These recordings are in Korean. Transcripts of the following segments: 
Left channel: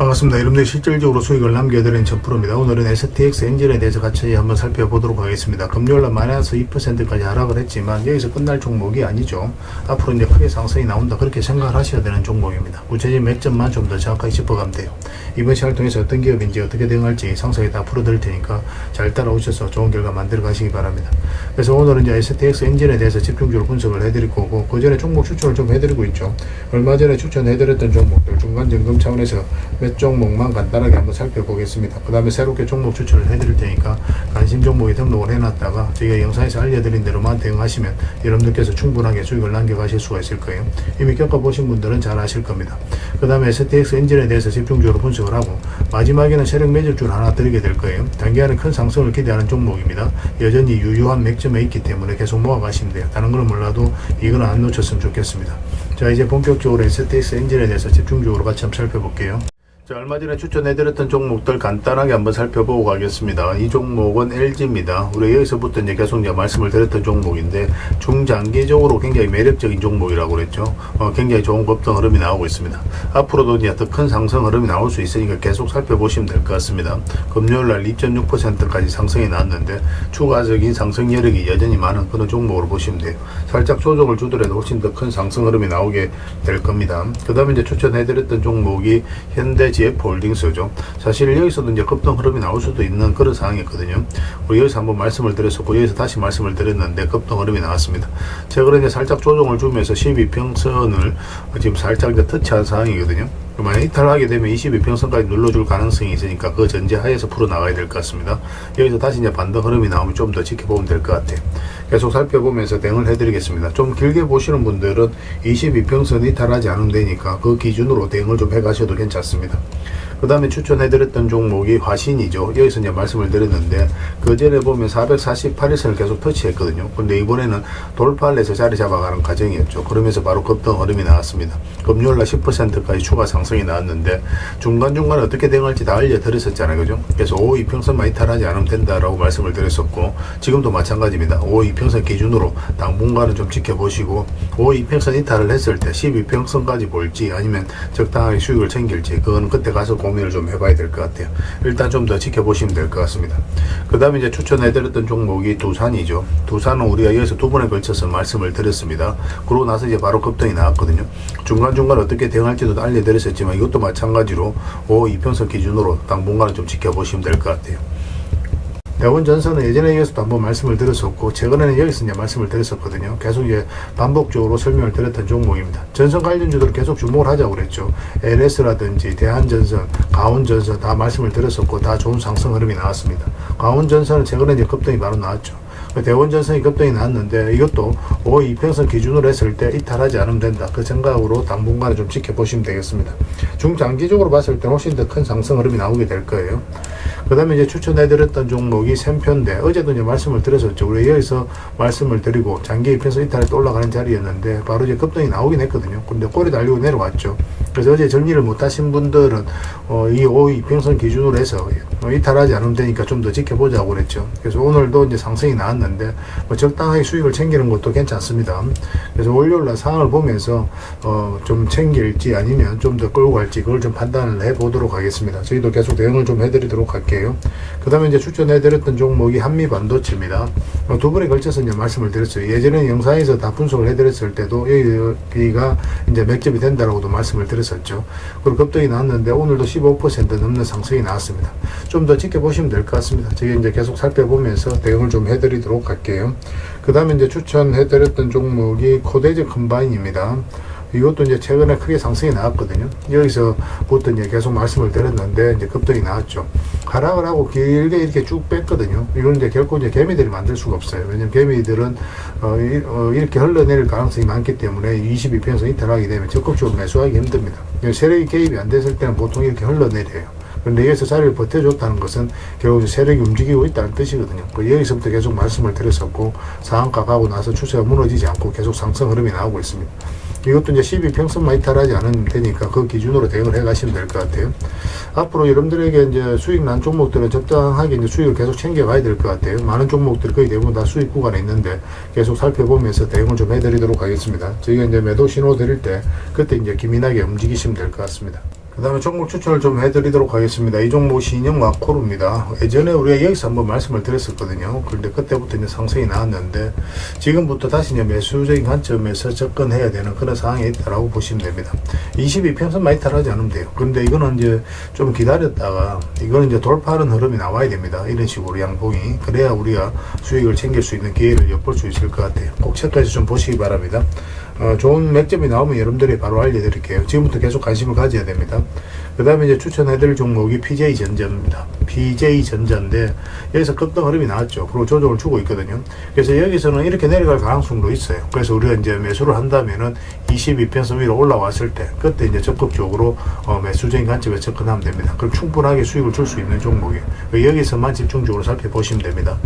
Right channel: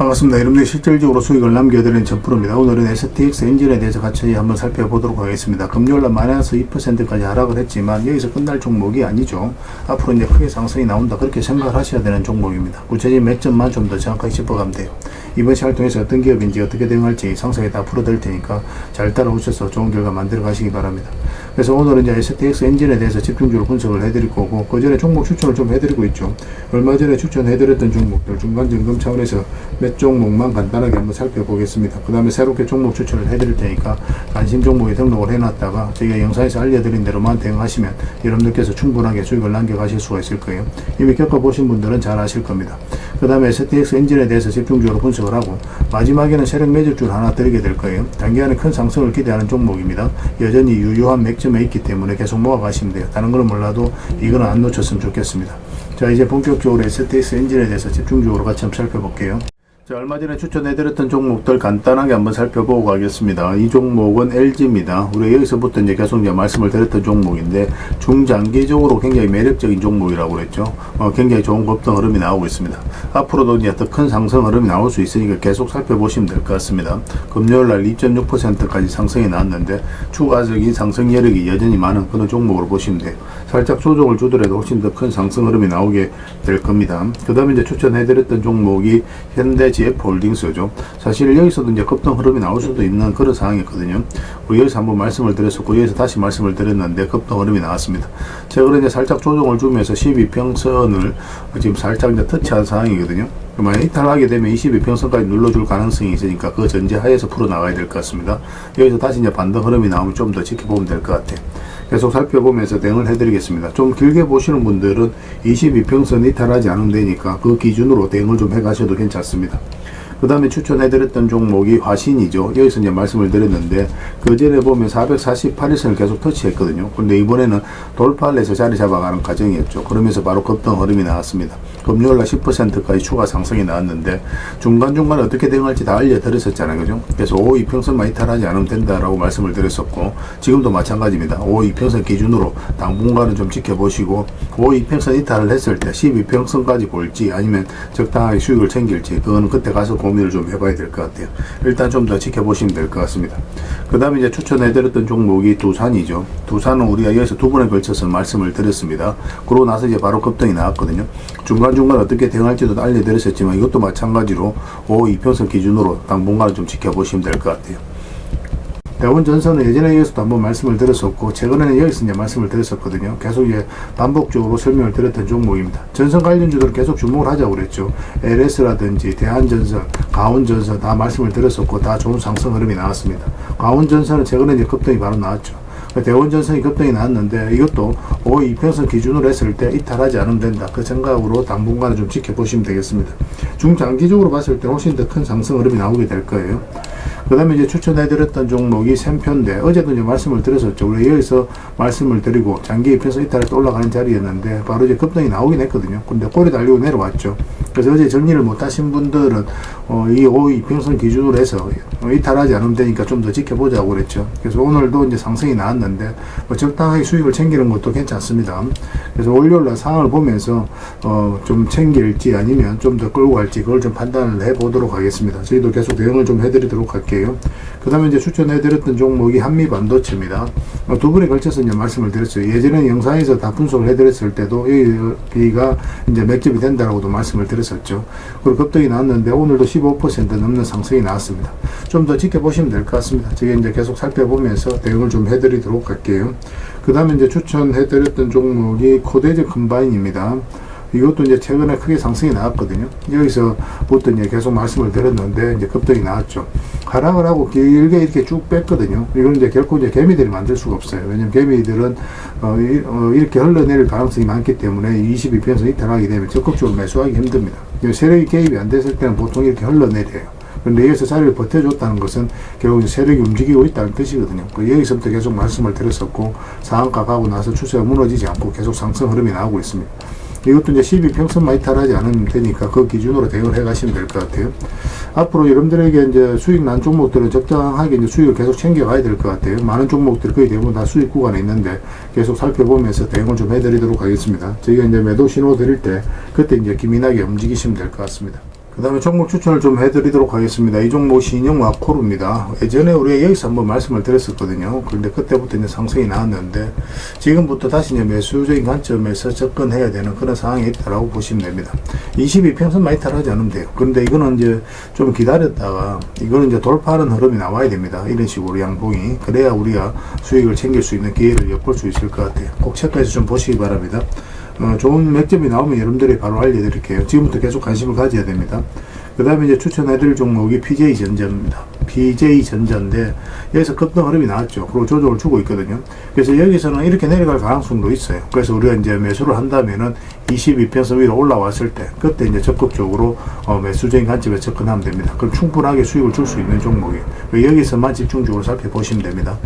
반갑습니다. 여러분들 실질적으로 수익을 남겨드리는 첫0입니다 오늘은 STX 엔진에 대해서 같이 한번 살펴보도록 하겠습니다. 금요일날 마이너스 2%까지 하락을 했지만 여기서 끝날 종목이 아니죠. 앞으로 이제 크게 상승이 나온다 그렇게 생각을 하셔야 되는 종목입니다. 구체적인 맥점만 좀 더 정확하게 짚어가면 돼요. 이번 시간을 통해서 어떤 기업인지 어떻게 대응할지 상세하게 다 풀어드릴 테니까 잘 따라오셔서 좋은 결과 만들어 가시기 바랍니다. 그래서 오늘은 이제 STX 엔진에 대해서 집중적으로 분석을 해드릴 거고, 그 전에 종목 추천을 좀 해드리고 있죠. 얼마 전에 추천해드렸던 종목들 중간 점검 차원에서 몇 종목만 간단하게 한번 살펴보겠습니다. 그 다음에 새롭게 종목 추천을 해드릴 테니까 관심 종목에 등록을 해놨다가 저희가 영상에서 알려드린 대로만 대응하시면 여러분들께서 충분하게 수익을 남겨가실 수가 있을 거예요. 이미 겪어보신 분들은 잘 아실 겁니다. 그 다음에 STX 엔진에 대해서 집중적으로 분석을 하고, 마지막에는 세력 매집주를 하나 드리게 될 거예요. 단기간에 큰 상승을 기대하는 종목입니다. 여전히 유효한 맥점에 있기 때문에 계속 모아가시면 돼요. 다른 거는 몰라도 이거는 안 놓쳤으면 좋겠습니다. 자, 이제 본격적으로 STX 엔진에 대해서 집중적으로 같이 한번 살펴볼게요. 자, 얼마 전에 추천해드렸던 종목들 간단하게 한번 살펴보고 가겠습니다. 이 종목은 LG입니다. 우리 여기서부터 이제 계속 이제 말씀을 드렸던 종목인데, 중장기적으로 굉장히 매력적인 종목이라고 그랬죠. 굉장히 좋은 급등 흐름이 나오고 있습니다. 앞으로도 이제 더 큰 상승 흐름이 나올 수 있으니까 계속 살펴보시면 될 것 같습니다. 금요일날 2.6%까지 상승이 나왔는데, 추가적인 상승 여력이 여전히 많은 그런 종목으로 보시면 돼요. 살짝 조정을 주더라도 훨씬 더 큰 상승 흐름이 나오게 될 겁니다. 그 다음에 이제 추천해드렸던 종목이 현대 GF홀딩스죠. 사실 여기서도 이제 급등 흐름이 나올 수도 있는 그런 상황이었거든요. 우리 여기서 한번 말씀을 드렸었고, 여기서 다시 말씀을 드렸는데 급등 흐름이 나왔습니다. 최근에 이제 살짝 조정을 주면서 12평선을 지금 살짝 이제 터치한 상황이거든요. 만약 이탈하게 되면 22평선까지 눌러줄 가능성이 있으니까 그 전제하에서 풀어나가야 될 것 같습니다. 여기서 다시 이제 반등 흐름이 나오면 좀 더 지켜보면 될 것 같아요. 계속 살펴보면서 대응을 해드리겠습니다. 좀 길게 보시는 분들은 22평선 이탈하지 않으면 되니까 그 기준으로 대응을 좀 해가셔도 괜찮습니다. 그 다음에 추천해드렸던 종목이 화신이죠. 여기서 이제 말씀을 드렸는데, 그 전에 보면 448일선을 계속 터치했거든요. 근데 이번에는 돌파를 해서 자리 잡아가는 과정이었죠. 그러면서 바로 급등 흐름이 나왔습니다. 금요일날 10%까지 추가 상승이 나왔는데, 중간중간에 어떻게 대응할지 다 알려드렸었잖아요. 그죠? 그래서 5이평선만 이탈하지 않으면 된다라고 말씀을 드렸었고, 지금도 마찬가지입니다. 5이평선 기준으로 당분간은 좀 지켜보시고, 5이평선 이탈을 했을 때 12평선까지 볼지 아니면 적당하게 수익을 챙길지, 그건 그때 가서 고민을 좀 해봐야 될 것 같아요. 일단 좀 더 지켜보시면 될 것 같습니다. 그 다음에 이제 추천해드렸던 종목이 두산이죠. 두산은 우리가 여기서 두 번에 걸쳐서 말씀을 드렸습니다. 그러고 나서 이제 바로 급등이 나왔거든요. 중간중간 어떻게 대응할지도 알려드렸었지만, 이것도 마찬가지로 5이평선 기준으로 당분간은 좀 지켜보시면 될 것 같아요. 대원전선은 예전에 여기서도 한번 말씀을 드렸었고, 최근에는 여기서 이제 말씀을 드렸었거든요. 계속 이제 반복적으로 설명을 드렸던 종목입니다. 전선 관련주들 계속 주목을 하자고 그랬죠. LS라든지 대한전선, 가온전선 다 말씀을 드렸었고, 다 좋은 상승 흐름이 나왔습니다. 가온전선은 최근에 이제 급등이 바로 나왔죠. 대원전선이 급등이 나왔는데, 이것도 5이평선 기준으로 했을 때 이탈하지 않으면 된다. 그 생각으로 당분간은 좀 지켜보시면 되겠습니다. 중장기적으로 봤을 때 훨씬 더 큰 상승 흐름이 나오게 될 거예요. 그 다음에 이제 추천해드렸던 종목이 샘표인데, 어제도 이제 말씀을 드렸었죠. 우리 여기서 말씀을 드리고 장기 이평선 이탈해서 올라가는 자리였는데 바로 이제 급등이 나오긴 했거든요. 근데 꼬리 달리고 내려왔죠. 그래서 어제 정리를 못하신 분들은 이 5이평선 기준으로 해서 이탈하지 않으면 되니까 좀 더 지켜보자고 그랬죠. 그래서 오늘도 이제 상승이 나왔는데 적당하게 수익을 챙기는 것도 괜찮습니다. 그래서 월요일날 상황을 보면서 좀 챙길지 아니면 좀 더 끌고 갈지, 그걸 좀 판단을 해보도록 하겠습니다. 저희도 계속 대응을 좀 해드리도록 할게요. 그 다음에 이제 추천해드렸던 종목이 한미반도체입니다. 두 번에 걸쳐서 이제 말씀을 드렸어요. 예전에 영상에서 다 분석을 해드렸을 때도 여기가 이제 맥점이 된다라고도 말씀을 드렸었죠. 그리고 급등이 나왔는데 오늘도 15% 넘는 상승이 나왔습니다. 좀 더 지켜보시면 될 것 같습니다. 저희 이제 계속 살펴보면서 대응을 좀 해드리도록 할게요. 그 다음에 이제 추천해드렸던 종목이 코데즈 컴바인입니다. 이것도 이제 최근에 크게 상승이 나왔거든요. 여기서부터 이제 계속 말씀을 드렸는데 이제 급등이 나왔죠. 하락을 하고 길게 이렇게 쭉 뺐거든요. 이건 이제 결코 이제 개미들이 만들 수가 없어요. 왜냐면 개미들은 이렇게 흘러내릴 가능성이 많기 때문에 22평선 이탈하게 되면 적극적으로 매수하기 힘듭니다. 세력이 개입이 안 됐을 때는 보통 이렇게 흘러내려요. 근데 여기서 자리를 버텨줬다는 것은 결국 세력이 움직이고 있다는 뜻이거든요. 여기서부터 계속 말씀을 드렸었고, 상한가 가고 나서 추세가 무너지지 않고 계속 상승 흐름이 나오고 있습니다. 이것도 이제 12평선만 이탈하지 않으면 되니까 그 기준으로 대응을 해 가시면 될 것 같아요. 앞으로 여러분들에게 이제 수익 난 종목들은 적당하게 이제 수익을 계속 챙겨가야 될 것 같아요. 많은 종목들 거의 대부분 다 수익 구간에 있는데 계속 살펴보면서 대응을 좀 해드리도록 하겠습니다. 저희가 이제 매도 신호 드릴 때 그때 이제 기민하게 움직이시면 될 것 같습니다. 그 그 다음에 종목 추천을 좀 해드리도록 하겠습니다. 이 종목 신영 와코르입니다. 예전에 우리가 여기서 한번 말씀을 드렸었거든요. 그런데 그때부터 이제 상승이 나왔는데 지금부터 다시 이제 매수적인 관점에서 접근해야 되는 그런 상황이 있다라고 보시면 됩니다. 22평선 많이 탈하지 않으면 돼요. 그런데 이거는 이제 좀 기다렸다가 이거는 이제 돌파하는 흐름이 나와야 됩니다. 이런 식으로 양봉이. 그래야 우리가 수익을 챙길 수 있는 기회를 엿볼 수 있을 것 같아요. 꼭 체크해서 좀 보시기 바랍니다. 좋은 맥점이 나오면 여러분들이 바로 알려드릴게요. 지금부터 계속 관심을 가져야 됩니다. 그 다음에 이제 추천해드릴 종목이 PJ전자입니다. PJ전자인데 여기서 급등 흐름이 나왔죠. 그리고 조정을 주고 있거든요. 그래서 여기서는 이렇게 내려갈 가능성도 있어요. 그래서 우리가 이제 매수를 한다면은 22평선 위로 올라왔을 때 그때 이제 적극적으로 매수적인 관점에 접근하면 됩니다. 그럼 충분하게 수익을 줄 수 있는 종목이에요. 여기서만 집중적으로 살펴보시면 됩니다.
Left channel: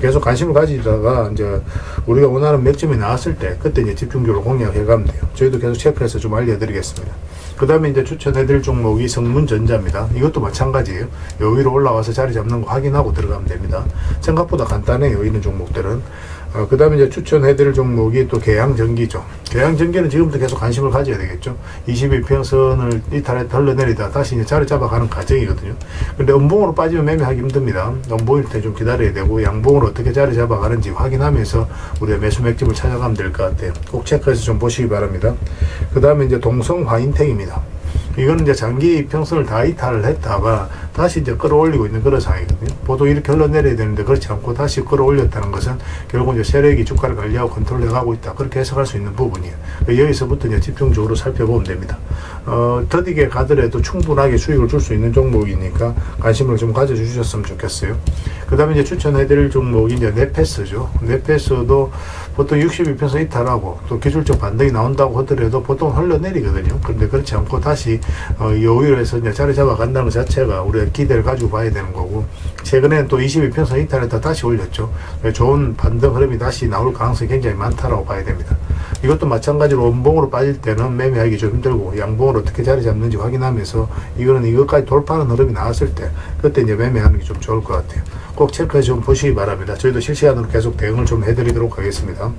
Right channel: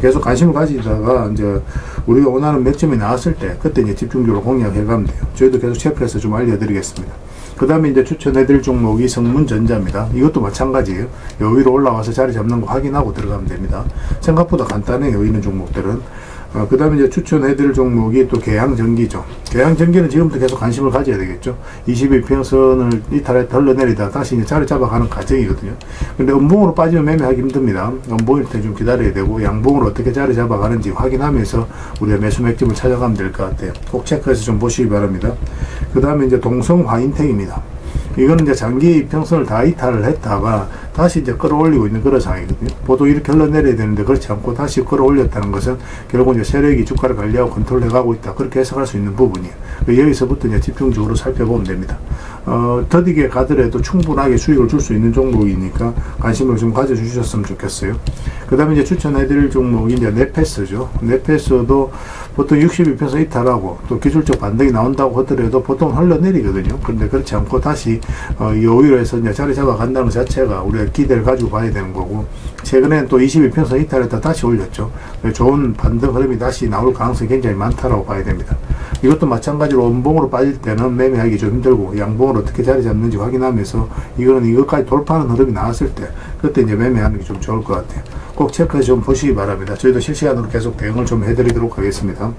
계속 관심을 가지다가 이제 우리가 원하는 맥점이 나왔을 때 그때 이제 집중적으로 공략해 가면 돼요. 저희도 계속 체크해서 좀 알려드리겠습니다. 그 다음에 이제 추천해드릴 종목이 성문전자입니다. 이것도 마찬가지예요. 요 위로 올라와서 자리 잡는 거 확인하고 들어가면 됩니다. 생각보다 간단해요. 이런 종목들은. 그 다음에 이제 추천해드릴 종목이 또 계양전기죠. 계양전기는 지금부터 계속 관심을 가져야 되겠죠. 22평선을 이탈했다 흘러내리다 다시 이제 자리 잡아가는 과정이거든요. 근데 음봉으로 빠지면 매매하기 힘듭니다. 음봉일 때 좀 기다려야 되고 양봉으로 어떻게 자리 잡아가는지 확인하면서 우리가 매수 맥점을 찾아가면 될 것 같아요. 꼭 체크해서 좀 보시기 바랍니다. 그 다음에 이제 동성화인텍입니다. 이거는 이제 장기 평선을 다 이탈을 했다가 다시 이제 끌어올리고 있는 그런 상황이거든요. 보통 이렇게 흘러내려야 되는데 그렇지 않고 다시 끌어올렸다는 것은 결국 이제 세력이 주가를 관리하고 컨트롤해 가고 있다. 그렇게 해석할 수 있는 부분이에요. 여기서부터 이제 집중적으로 살펴보면 됩니다. 더디게 가더라도 충분하게 수익을 줄 수 있는 종목이니까 관심을 좀 가져주셨으면 좋겠어요. 그 다음에 이제 추천해드릴 종목이 이제 네페스죠. 네페스도 보통 62평선 이탈하고 또 기술적 반등이 나온다고 하더라도 보통 흘러내리거든요. 그런데 그렇지 않고 다시 오히려 해서 이제 자리 잡아간다는 것 자체가 우리가 기대를 가지고 봐야 되는 거고, 최근에는 또 22평선 이탈했다 다시 올렸죠. 좋은 반등 흐름이 다시 나올 가능성이 굉장히 많다라고 봐야 됩니다. 이것도 마찬가지로 음봉으로 빠질 때는 매매하기 좀 힘들고 양봉으로 어떻게 자리 잡는지 확인하면서 이거는 이것까지 돌파하는 흐름이 나왔을 때 그때 이제 매매하는 게 좀 좋을 것 같아요. 꼭 체크해서 좀 보시기 바랍니다. 저희도 실시간으로 계속 대응을 좀 해드리도록 하겠습니다.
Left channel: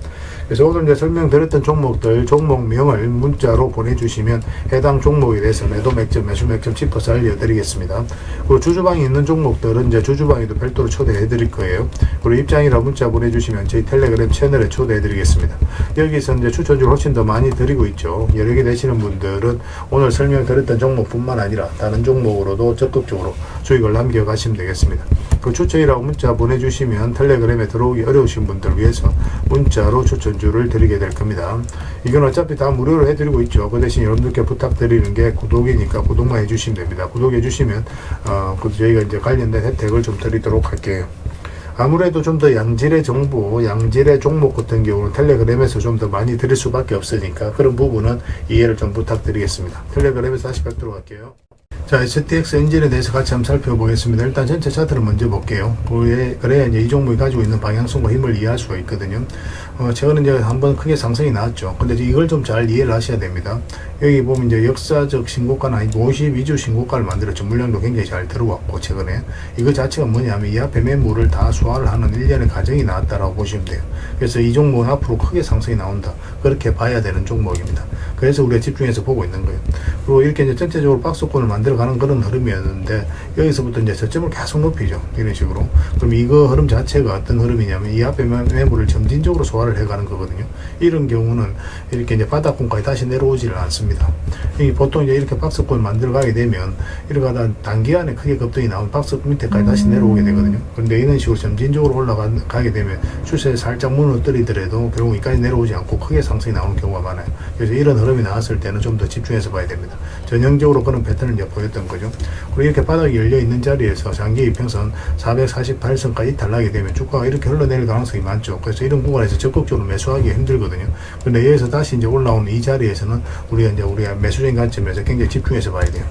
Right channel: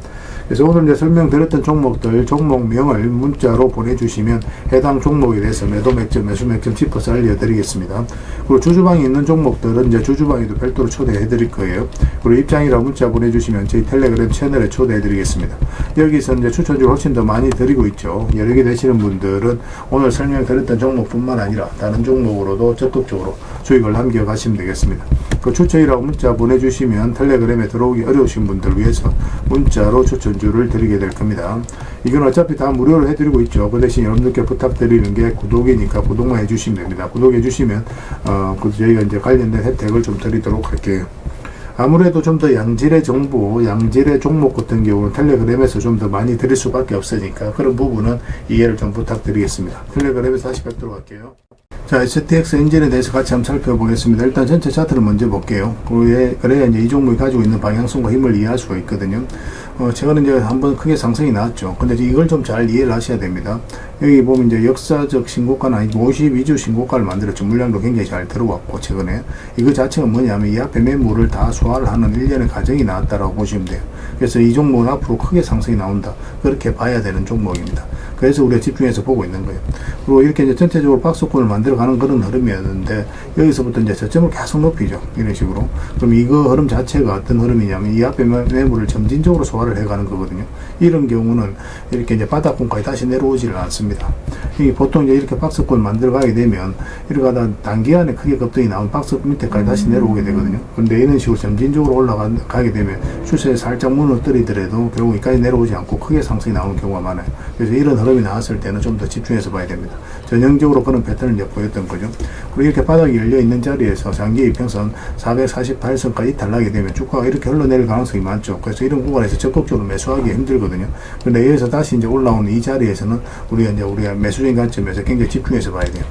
그래서 오늘 이제 설명드렸던 종목들 종목명을 문자로 보내주시면 해당 종목에 대해서 매도 맥점, 매수 맥점 짚어서 알려드리겠습니다. 그리고 주주방에 있는 종목들은 이제 주주방에도 별도로 초대해드릴 거예요. 그리고 입장이라 문자 보내주시면 저희 텔레그램 채널에 초대해드리겠습니다. 여기서 이제 추천주를 훨씬 더 많이 드리고 있죠. 여러 개 되시는 분들은 오늘 설명드렸던 종목뿐만 아니라 다른 종목으로도 적극적으로 수익을 남겨가시면 되겠습니다. 그 추천이라고 문자 보내주시면 텔레그램에 들어오기 어려우신 분들 위해서 문자로 추천주를 드리게 될 겁니다. 이건 어차피 다 무료로 해드리고 있죠. 그 대신 여러분들께 부탁드리는 게 구독이니까 구독만 해주시면 됩니다. 구독해주시면 저희가 이제 관련된 혜택을 좀 드리도록 할게요. 아무래도 좀 더 양질의 정보, 양질의 종목 같은 경우는 텔레그램에서 좀 더 많이 드릴 수밖에 없으니까 그런 부분은 이해를 좀 부탁드리겠습니다. 텔레그램에서 다시 뵙도록 할게요. 자, STX 엔진에 대해서 같이 한번 살펴보겠습니다. 일단 전체 차트를 먼저 볼게요. 그래야 이제 이 종목이 가지고 있는 방향성과 힘을 이해할 수가 있거든요. 최근에 이제 한번 크게 상승이 나왔죠. 근데 이걸 좀 잘 이해를 하셔야 됩니다. 여기 보면 이제 역사적 신고가는 아니고 52주 신고가를 만들었죠. 물량도 굉장히 잘 들어왔고, 최근에. 이거 자체가 뭐냐면 이 앞에 매물을 다 소화를 하는 일련의 과정이 나왔다라고 보시면 돼요. 그래서 이 종목은 앞으로 크게 상승이 나온다. 그렇게 봐야 되는 종목입니다. 그래서 우리가 집중해서 보고 있는 거예요. 그리고 이렇게 이제 전체적으로 박스권을 만들어가는 그런 흐름이었는데, 여기서부터 이제 저점을 계속 높이죠. 이런 식으로. 그럼 이거 흐름 자체가 어떤 흐름이냐면, 이 앞에 매물을 점진적으로 소화를 해가는 거거든요. 이런 경우는 이렇게 이제 바닥권까지 다시 내려오지를 않습니다. 이 보통 이제 이렇게 박스권 만들어가게 되면, 이렇게 하다 단기간에 크게 급등이 나온 박스 밑에까지 다시 내려오게 되거든요. 그런데 이런 식으로 점진적으로 올라가게 되면, 추세에 살짝 무너뜨리더라도 결국 여기까지 내려오지 않고 크게 상승이 나오는 경우가 많아요. 그래서 이런 흐름이 나왔을 때는 좀 더 집중해서 봐야 됩니다. 전형적으로 그런 패턴을 이제 보였던 거죠. 그리고 이렇게 바닥이 열려있는 자리에서 장기 이평선 448선까지 탈락이 되면 주가가 이렇게 흘러내릴 가능성이 많죠. 그래서 이런 구간에서 적극적으로 매수하기 힘들거든요. 그런데 여기서 다시 이제 올라오는 이 자리에서는 우리가 매수적인 관점에서 굉장히 집중해서 봐야 돼요.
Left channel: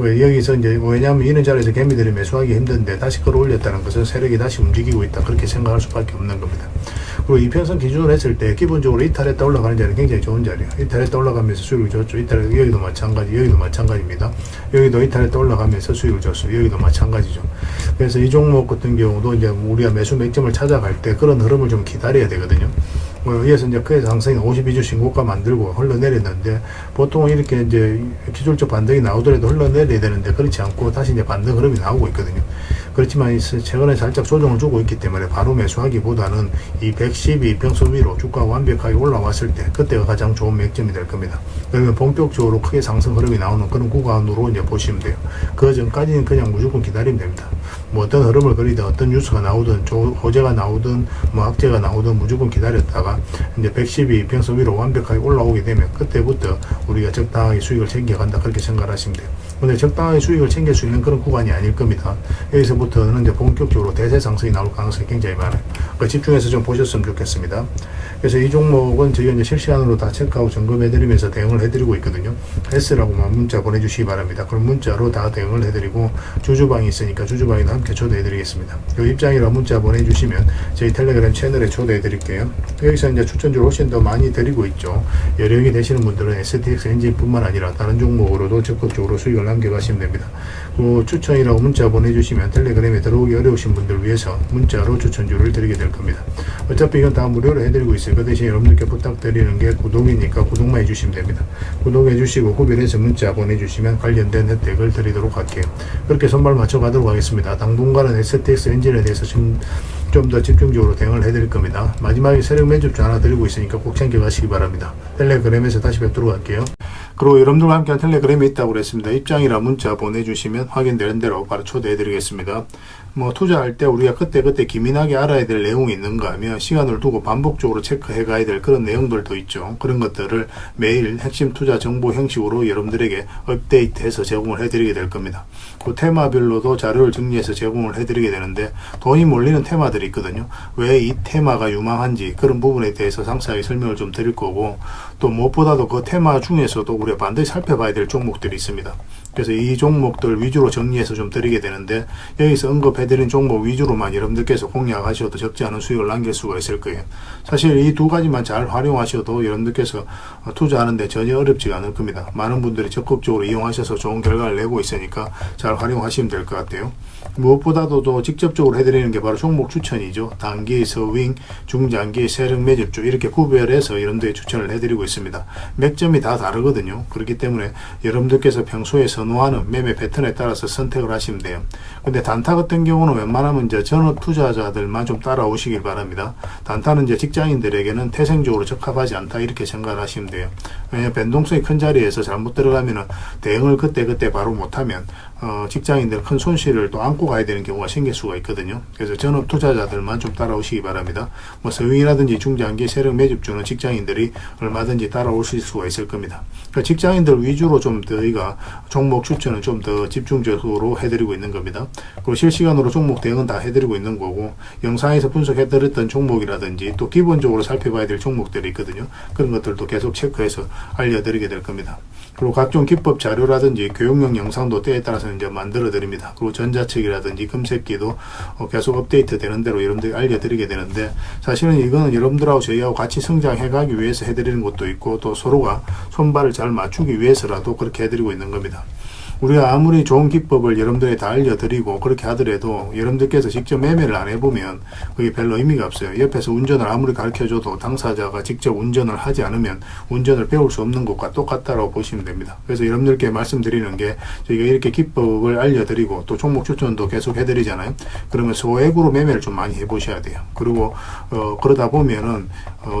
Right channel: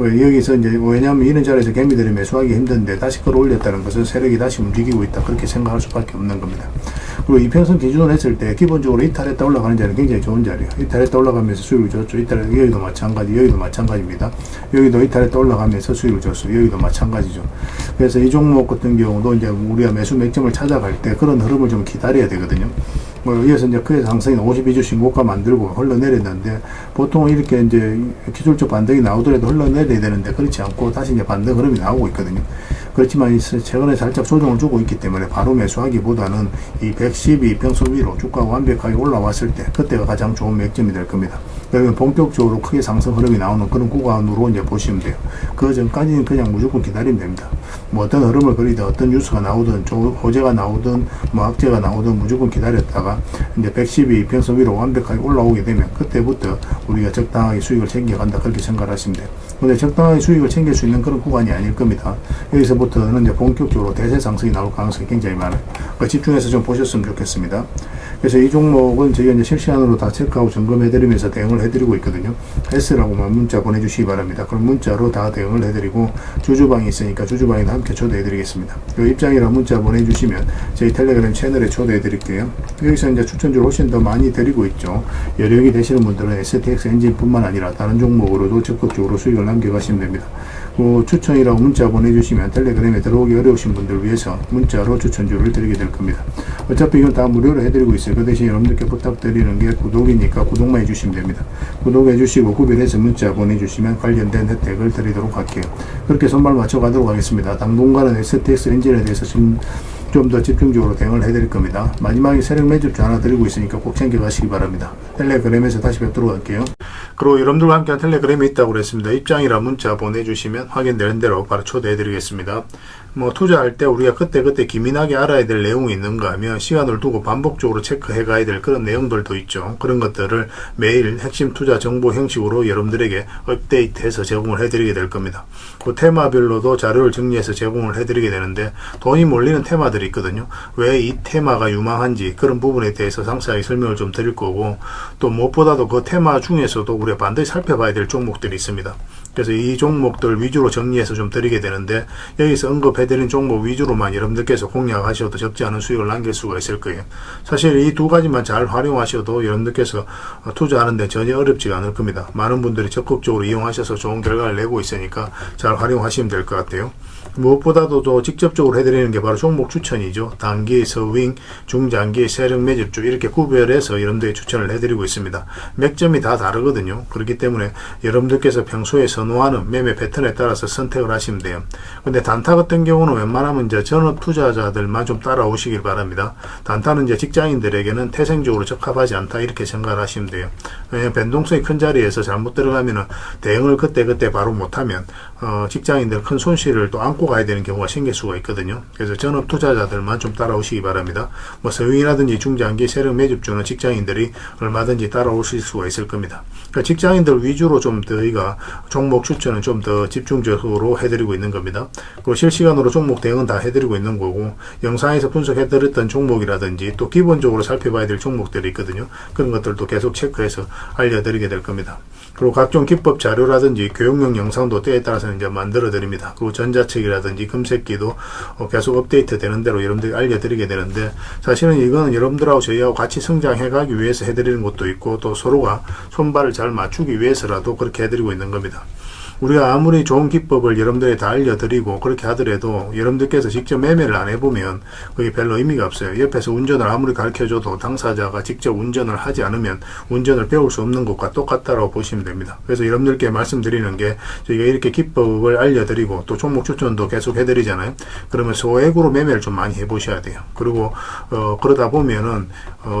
여기서 이제 왜냐하면 이런 자리에서 개미들이 매수하기 힘든데 다시 끌어올렸다는 것은 세력이 다시 움직이고 있다, 그렇게 생각할 수밖에 없는 겁니다. 그리고 이평선 기준으로 했을 때 기본적으로 이탈했다 올라가는 자리는 굉장히 좋은 자리예요. 이탈했다 올라가면서 수익을 줬죠. 여기도 마찬가지입니다. 여기도 이탈했다 올라가면서 수익을 줬어요. 여기도 마찬가지죠. 그래서 이 종목 같은 경우도 이제 우리가 매수 맥점을 찾아갈 때 그런 흐름을 좀 기다려야 되거든요. 이어서 이제 그의 상승이 52주 신고가 만들고 흘러내렸는데, 보통 이렇게 이제 기술적 반등이 나오더라도 흘러내려야 되는데 그렇지 않고 다시 이제 반등 흐름이 나오고 있거든요. 그렇지만 최근에 살짝 조정을 주고 있기 때문에 바로 매수하기보다는 이 112평선 위로 주가가 완벽하게 올라왔을 때 그때가 가장 좋은 맥점이 될 겁니다. 그러면 본격적으로 크게 상승 흐름이 나오는 그런 구간으로 이제 보시면 돼요. 그 전까지는 그냥 무조건 기다리면 됩니다. 뭐 어떤 흐름을 그리든 어떤 뉴스가 나오든 호재가 나오든 뭐 악재가 나오든 무조건 기다렸다가 이제 112평선 위로 완벽하게 올라오게 되면 그때부터 우리가 적당하게 수익을 챙겨간다, 그렇게 생각하시면 돼요. 근데 적당하게 수익을 챙길 수 있는 그런 구간이 아닐 겁니다. 여기서부터는 이제 본격적으로 대세 상승이 나올 가능성이 굉장히 많아요. 그러니까 집중해서 좀 보셨으면 좋겠습니다. 그래서 이 종목은 저희가 이제 실시간으로 다 체크하고 점검해드리면서 대응을 해드리고 있거든요. S라고만 문자 보내주시기 바랍니다. 그럼 문자로 다 대응을 해드리고, 주주방이 있으니까 주주방에도 함께 초대해드리겠습니다. 그 입장이라 문자 보내주시면 저희 텔레그램 채널에 초대해드릴게요. 여기서 이제 추천주를 훨씬 더 많이 드리고 있죠. 여력이 되시는 분들은 STX 엔진뿐만 아니라 다른 종목으로도 적극적으로 수익을 남겨가시면 됩니다. 그 추천이라고 문자 보내주시면 텔레그램에 들어오기 어려우신 분들 위해서 문자로 추천주를 드리게 될 겁니다. 어차피 이건 다 무료로 해드리고 있어요. 그 대신 여러분들께 부탁드리는 게 구독이니까 구독만 해주시면 됩니다. 구독해주시고 구별해서 문자 보내주시면 관련된 혜택을 드리도록 할게요. 그렇게 손발 맞춰가도록 하겠습니다. 당분간은 STX 엔진에 대해서 좀 더 집중적으로 대응을 해드릴 겁니다. 마지막에 세력 매집주 하나 드리고 있으니까 꼭 챙겨가시기 바랍니다. 텔레그램에서 다시 뵙도록 할게요. 그리고 여러분들과 함께한 텔레그램에 있다고 그랬습니다. 입장이라 문자 보내주시면 확인되는 대로 바로 초대해드리겠습니다. 뭐 투자할 때 우리가 그때 기민하게 알아야 될 내용이 있는가 하면 시간을 두고 반복적으로 체크해 가야 될 그런 내용들도 있죠. 그런 것들을 매일 핵심 투자 정보 형식으로 여러분들에게 업데이트해서 제공을 해드리게 될 겁니다. 그 테마별로도 자료를 정리해서 제공을 해드리게 되는데, 돈이 몰리는 테마들이 있거든요. 왜 이 테마가 유망한지 그런 부분에 대해서 상세하게 설명을 좀 드릴 거고, 또 무엇보다도 그 테마 중에서도 우리가 반드시 살펴봐야 될 종목들이 있습니다. 그래서 이 종목들 위주로 정리해서 좀 드리게 되는데, 여기서 언급해드린 종목 위주로만 여러분들께서 공략하셔도 적지 않은 수익을 남길 수가 있을 거예요. 사실 이 두 가지만 잘 활용하셔도 여러분들께서 투자하는데 전혀 어렵지가 않을 겁니다. 많은 분들이 적극적으로 이용하셔서 좋은 결과를 내고 있으니까 잘 활용하시면 될 것 같아요. 무엇보다도 또 직접적으로 해드리는 게 바로 종목 추천이죠. 단기, 서윙, 중장기, 세력 매집주 이렇게 구별해서 여러분들이 추천을 해드리고 있습니다. 맥점이 다 다르거든요. 그렇기 때문에 여러분들께서 평소에 선호하는 매매 패턴에 따라서 선택을 하시면 돼요. 근데 단타 같은 경우는 웬만하면 이제 전업 투자자들만 좀 따라오시길 바랍니다. 단타는 이제 직장인들에게는 태생적으로 적합하지 않다, 이렇게 생각을 하시면 돼요. 왜냐하면 변동성이 큰 자리에서 잘못 들어가면은 대응을 그때 바로 못하면 직장인들 큰 손실을 또 안고 가야 되는 경우가 생길 수가 있거든요. 그래서 전업 투자자들만 좀 따라오시기 바랍니다. 뭐 서윙이라든지 중장기 세력 매집주는 직장인들이 얼마든지 따라오실 수가 있을 겁니다. 그러니까 직장인들 위주로 좀 저희가 종목 추천은 좀 더 집중적으로 해드리고 있는 겁니다. 그리고 실시간으로 종목 대응은 다 해드리고 있는 거고, 영상에서 분석해드렸던 종목이라든지 또 기본적으로 살펴봐야 될 종목들이 있거든요. 그런 것들도 계속 체크해서 알려드리게 될 겁니다. 그리고 각종 기법 자료라든지 교육용 영상도 때에 따라서는 이제 만들어 드립니다. 그리고 전자책이라든지 금색기도 계속 업데이트 되는 대로 여러분들이 알려드리게 되는데, 사실은 이거는 여러분들하고 저희하고 같이 성장해 가기 위해서 해드리는 것도 있고, 또 서로가 손발을 잘 맞추기 위해서라도 그렇게 해드리고 있는 겁니다. 우리가 아무리 좋은 기법을 여러분들이 다 알려드리고 그렇게 하더라도 여러분들께서 직접 매매를 안 해보면 그게 별로 의미가 없어요. 옆에서 운전을 아무리 가르쳐줘도 당사자가 직접 운전을 하지 않으면 운전을 배울 수 없는 것과 똑같다고 보시면 됩니다. 그래서 여러분들께 말씀드리는 게, 저희가 이렇게 기법을 알려드리고 또 종목 추천도 계속 해드리잖아요. 그러면 소액으로 매매를 좀 많이 해보셔야 돼요. 그리고 그러다 보면은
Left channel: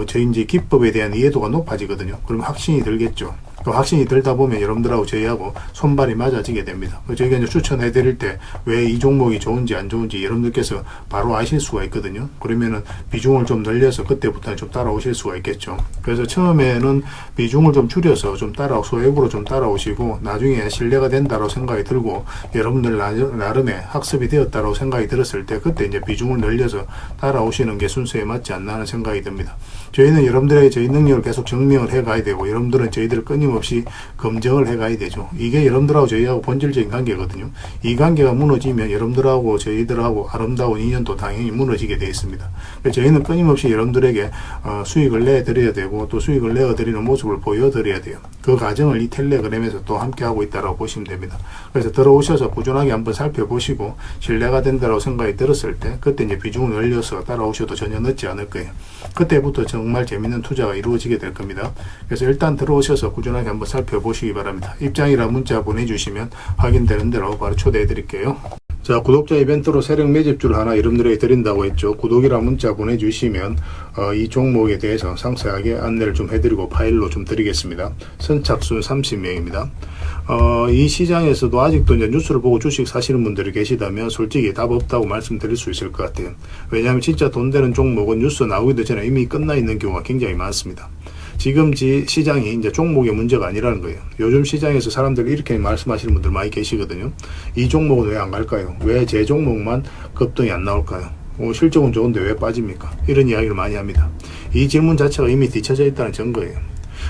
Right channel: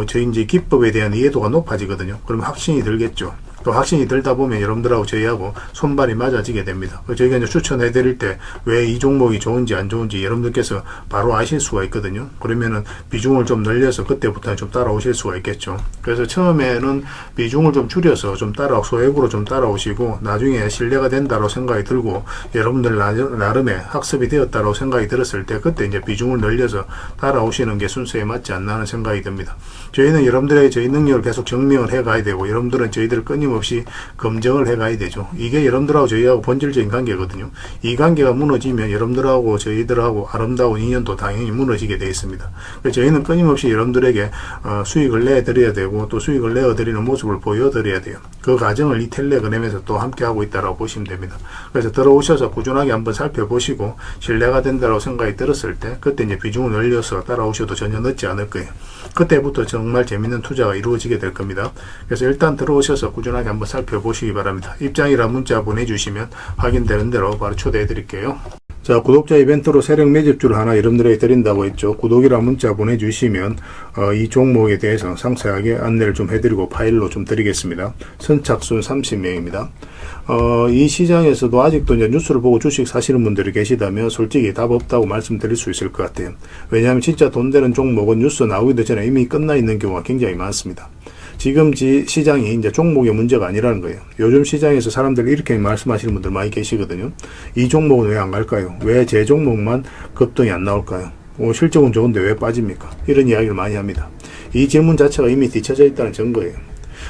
저희 이제 기법에 대한 이해도가 높아지거든요. 그러면 확신이 들겠죠. 또 확신이 들다 보면 여러분들하고 저희하고 손발이 맞아지게 됩니다. 저희가 이제 추천해 드릴 때 왜 이 종목이 좋은지 안 좋은지 여러분들께서 바로 아실 수가 있거든요. 그러면은 비중을 좀 늘려서 그때부터는 좀 따라오실 수가 있겠죠. 그래서 처음에는 비중을 좀 줄여서 좀 소액으로 좀 따라오시고, 나중에 신뢰가 된다고 생각이 들고 여러분들 나름의 학습이 되었다고 생각이 들었을 때 그때 이제 비중을 늘려서 따라오시는 게 순서에 맞지 않나 하는 생각이 듭니다. 저희는 여러분들에게 저희 능력을 계속 증명을 해 가야 되고, 여러분들은 저희들을 끊임없이 끊임없이 검증을 해가야 되죠. 이게 여러분들하고 저희하고 본질적인 관계거든요. 이 관계가 무너지면 여러분들하고 저희들하고 아름다운 인연도 당연히 무너지게 되어 있습니다. 그래서 저희는 끊임없이 여러분들에게 수익을 내드려야 되고 또 수익을 내어드리는 모습을 보여드려야 돼요. 그 과정을 이 텔레그램에서 또 함께하고 있다고 보시면 됩니다. 그래서 들어오셔서 꾸준하게 한번 살펴보시고 신뢰가 된다고 생각이 들었을 때 그때 이제 비중을 늘려서 따라오셔도 전혀 늦지 않을 거예요. 그때부터 정말 재밌는 투자가 이루어지게 될 겁니다. 그래서 일단 들어오셔서 꾸준하게 한번 살펴보시기 바랍니다. 입장이라 문자 보내주시면 확인되는 대로 바로 초대해 드릴게요. 자, 구독자 이벤트로 세력 매집주를 하나 여러분들에게 드린다고 했죠. 구독이랑 문자 보내주시면 이 종목에 대해서 상세하게 안내를 좀 해드리고 파일로 좀 드리겠습니다. 선착순 30명입니다. 이 시장에서도 아직도 이제 뉴스를 보고 주식 사시는 분들이 계시다면 솔직히 답 없다고 말씀드릴 수 있을 것 같아요. 왜냐하면 진짜 돈 되는 종목은 뉴스 나오기도 전에 이미 끝나 있는 경우가 굉장히 많습니다. 지금 시장이 이제 종목의 문제가 아니라는 거예요. 요즘 시장에서 사람들이 이렇게 말씀하시는 분들 많이 계시거든요. 이 종목은 왜 안 갈까요? 왜 제 종목만 급등이 안 나올까요? 실적은 좋은데 왜 빠집니까? 이런 이야기를 많이 합니다. 이 질문 자체가 이미 뒤쳐져 있다는 증거예요.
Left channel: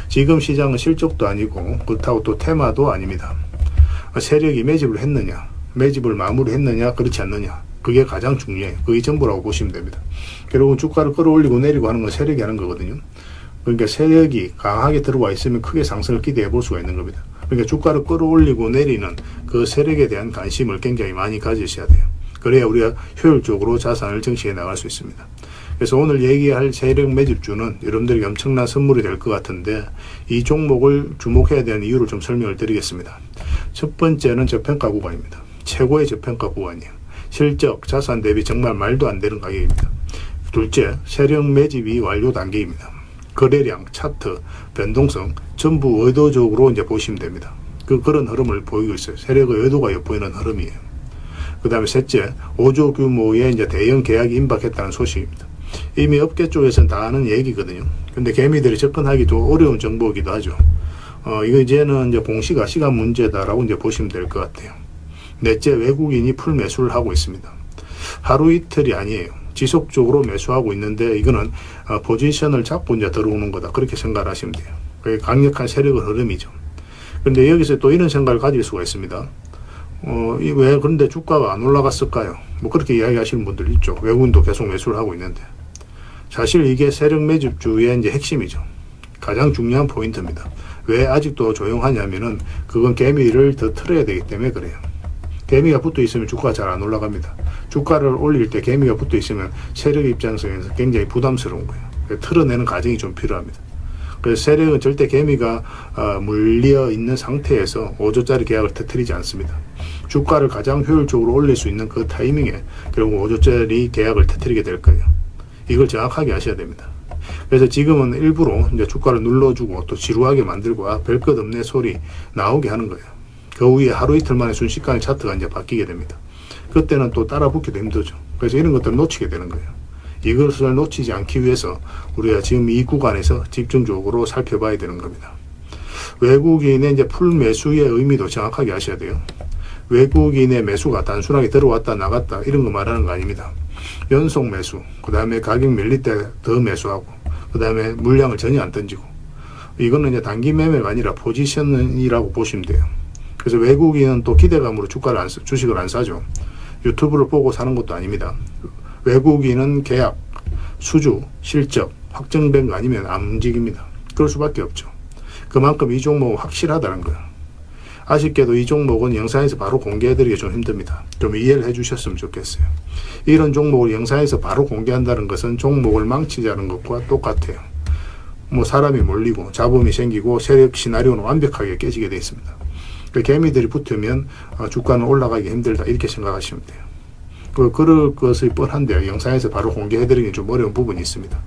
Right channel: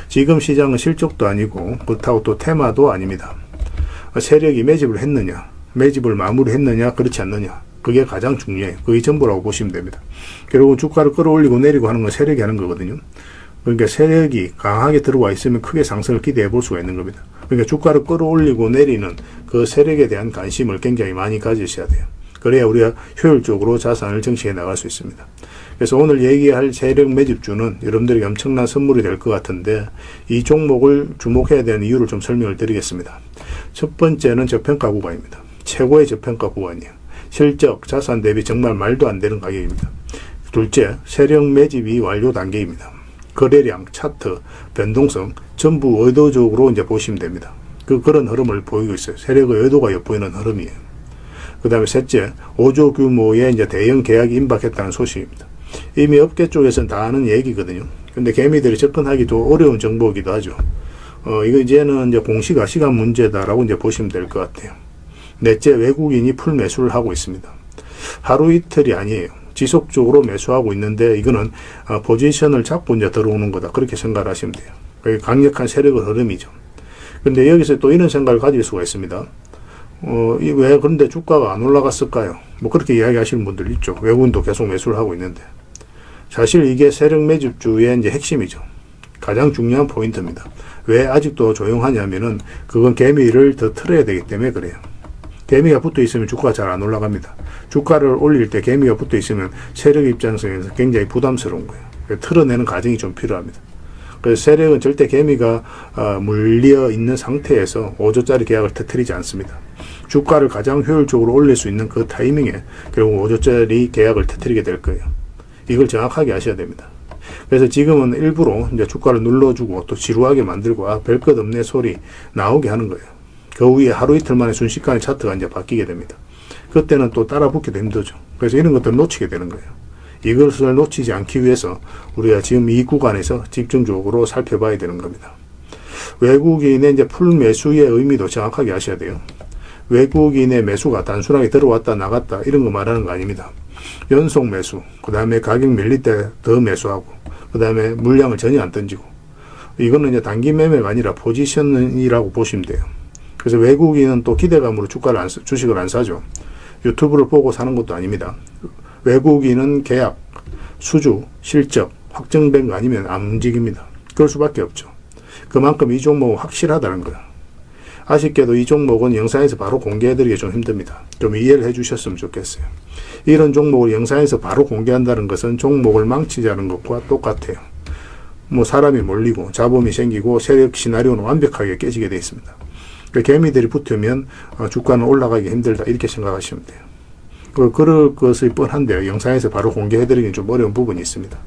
지금 시장은 실적도 아니고 그렇다고 또 테마도 아닙니다. 세력이 매집을 했느냐, 매집을 마무리했느냐, 그렇지 않느냐, 그게 가장 중요해요. 그게 전부라고 보시면 됩니다. 결국은 주가를 끌어올리고 내리고 하는 건 세력이 하는 거거든요. 그러니까 세력이 강하게 들어와 있으면 크게 상승을 기대해 볼 수가 있는 겁니다. 그러니까 주가를 끌어올리고 내리는 그 세력에 대한 관심을 굉장히 많이 가지셔야 돼요. 그래야 우리가 효율적으로 자산을 증식해 나갈 수 있습니다. 그래서 오늘 얘기할 세력 매집주는 여러분들에게 엄청난 선물이 될 것 같은데 이 종목을 주목해야 되는 이유를 좀 설명을 드리겠습니다. 첫 번째는 저평가 구간입니다. 최고의 저평가 구간이에요. 실적, 자산 대비 정말 말도 안 되는 가격입니다. 둘째, 세력 매집이 완료 단계입니다. 거래량, 차트, 변동성 전부 의도적으로 이제 보시면 됩니다. 그런 흐름을 보이고 있어요. 세력의 의도가 엿보이는 흐름이에요. 그 다음에 셋째, 5조 규모의 이제 대형 계약이 임박했다는 소식입니다. 이미 업계 쪽에서는 다 아는 얘기거든요. 근데 개미들이 접근하기 좀 어려운 정보이기도 하죠. 이거 이제는 이제 공시가 시간 문제다라고 이제 보시면 될 것 같아요. 넷째, 외국인이 풀 매수를 하고 있습니다. 하루 이틀이 아니에요. 지속적으로 매수하고 있는데 이거는 포지션을 잡고 이제 들어오는 거다. 그렇게 생각을 하시면 돼요. 그게 강력한 세력의 흐름이죠. 그런데 여기서 또 이런 생각을 가질 수가 있습니다. 왜 그런데 주가가 안 올라갔을까요? 뭐 그렇게 이야기하시는 분들 있죠. 외국인도 계속 매수를 하고 있는데. 사실 이게 세력 매집주의 이제 핵심이죠. 가장 중요한 포인트입니다. 왜 아직도 조용하냐면은 그건 개미를 더 틀어야 되기 때문에 그래요. 개미가 붙어 있으면 주가가 잘 안 올라갑니다. 주가를 올릴 때 개미가 붙어 있으면 세력 입장에서 굉장히 부담스러운 거예요. 틀어내는 과정이 좀 필요합니다. 그래서 세력은 절대 개미가 물려 있는 상태에서 5조짜리 계약을 터뜨리지 않습니다. 주가를 가장 효율적으로 올릴 수 있는 그 타이밍에 결국 5조짜리 계약을 터뜨리게 될 거예요. 이걸 정확하게 아셔야 됩니다. 그래서 지금은 일부러 이제 주가를 눌러주고 또 지루하게 만들고 별 것 없네 소리 나오게 하는 거예요. 그 후에 하루 이틀 만에 순식간에 차트가 이제 바뀌게 됩니다. 그때는 또 따라 붙기도 힘들죠. 그래서 이런 것들을 놓치게 되는 거예요. 이것을 놓치지 않기 위해서 우리가 지금 이 구간에서 집중적으로 살펴봐야 되는 겁니다. 외국인의 이제 풀 매수의 의미도 정확하게 아셔야 돼요. 외국인의 매수가 단순하게 들어왔다 나갔다 이런 거 말하는 거 아닙니다. 연속 매수, 그 다음에 가격 밀릴 때 더 매수하고, 그 다음에 물량을 전혀 안 던지고, 이거는 이제 단기 매매가 아니라 포지션이라고 보시면 돼요. 그래서 외국인은 또 기대감으로 주식을 안 사죠. 유튜브를 보고 사는 것도 아닙니다. 외국인은 계약, 수주, 실적 확정된 거 아니면 안 움직입니다. 그럴 수밖에 없죠. 그만큼 이 종목은 확실하다는 거예요. 아쉽게도 이 종목은 영상에서 바로 공개해드리기 좀 힘듭니다. 좀 이해를 해주셨으면 좋겠어요. 이런 종목을 영상에서 바로 공개한다는 것은 종목을 망치자는 것과 똑같아요. 뭐 사람이 몰리고 잡음이 생기고 세력 시나리오는 완벽하게 깨지게 되어 있습니다. 개미들이 붙으면 주가는 올라가기 힘들다 이렇게 생각하시면 돼요. 그럴 것이 뻔한데요. 영상에서 바로 공개해드리기 좀 어려운 부분이 있습니다.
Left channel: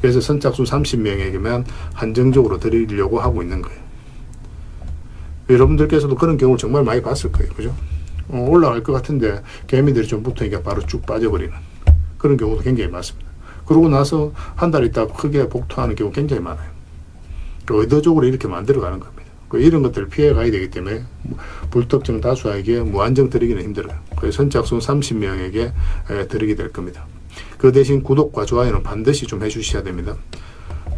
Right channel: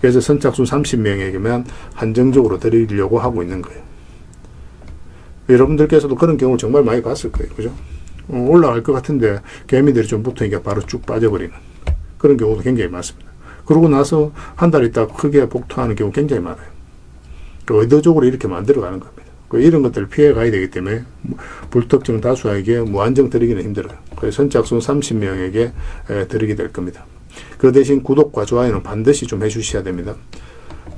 그래서 선착순 30명에게만 한정적으로 드리려고 하고 있는 거예요. 여러분들께서도 그런 경우를 정말 많이 봤을 거예요. 그죠? 올라갈 것 같은데 개미들이 좀 붙으니까 바로 쭉 빠져버리는 그런 경우도 굉장히 많습니다. 그러고 나서 한 달 있다가 크게 복토하는 경우 굉장히 많아요. 의도적으로 이렇게 만들어가는 겁니다. 이런 것들을 피해 가야 되기 때문에 불특정 다수에게 무한정 드리기는 힘들어요. 그래서 선착순 30명에게 드리게 될 겁니다. 그 대신 구독과 좋아요는 반드시 좀 해주셔야 됩니다.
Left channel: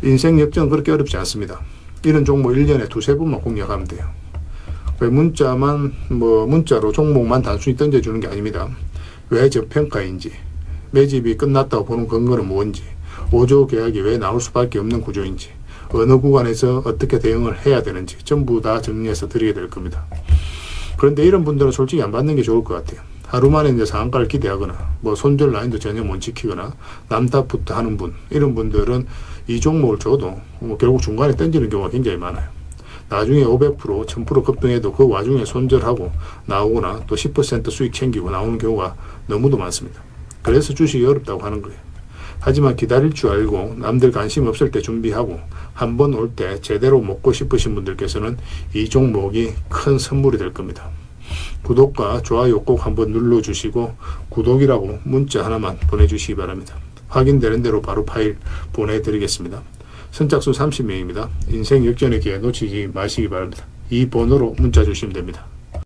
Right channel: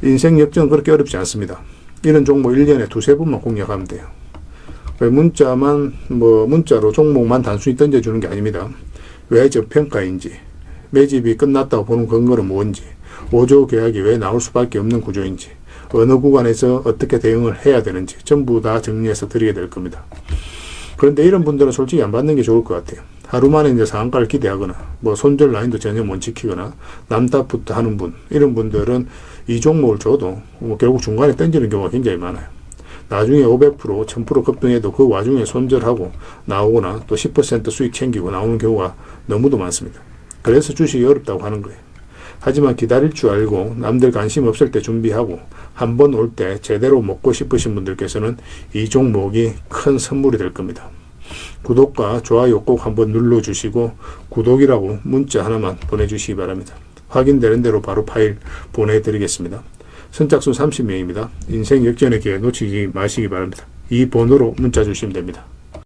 인생 역전은 그렇게 어렵지 않습니다. 이런 종목 1년에 두세 번만 공략하면 돼요. 왜 문자로 종목만 단순히 던져주는 게 아닙니다. 왜 저평가인지, 매집이 끝났다고 보는 근거는 뭔지, 5조 계약이 왜 나올 수밖에 없는 구조인지, 어느 구간에서 어떻게 대응을 해야 되는지 전부 다 정리해서 드리게 될 겁니다. 그런데 이런 분들은 솔직히 안 받는 게 좋을 것 같아요. 하루 만에 이제 상한가를 기대하거나 손절 라인도 전혀 못 지키거나 남탓부터 하는 분, 이런 분들은 이 종목을 줘도 결국 중간에 던지는 경우가 굉장히 많아요. 나중에 500%, 1000% 급등해도 그 와중에 손절하고 나오거나 또 10% 수익 챙기고 나오는 경우가 너무도 많습니다. 그래서 주식이 어렵다고 하는 거예요. 하지만 기다릴 줄 알고 남들 관심 없을 때 준비하고 한 번 올 때 제대로 먹고 싶으신 분들께서는 이 종목이 큰 선물이 될 겁니다. 구독과 좋아요 꼭 한번 눌러주시고 구독이라고 문자 하나만 보내주시기 바랍니다. 확인되는 대로 바로 파일 보내드리겠습니다. 선착순 30명입니다. 인생 역전의 기회 놓치지 마시기 바랍니다. 이 번호로 문자 주시면 됩니다.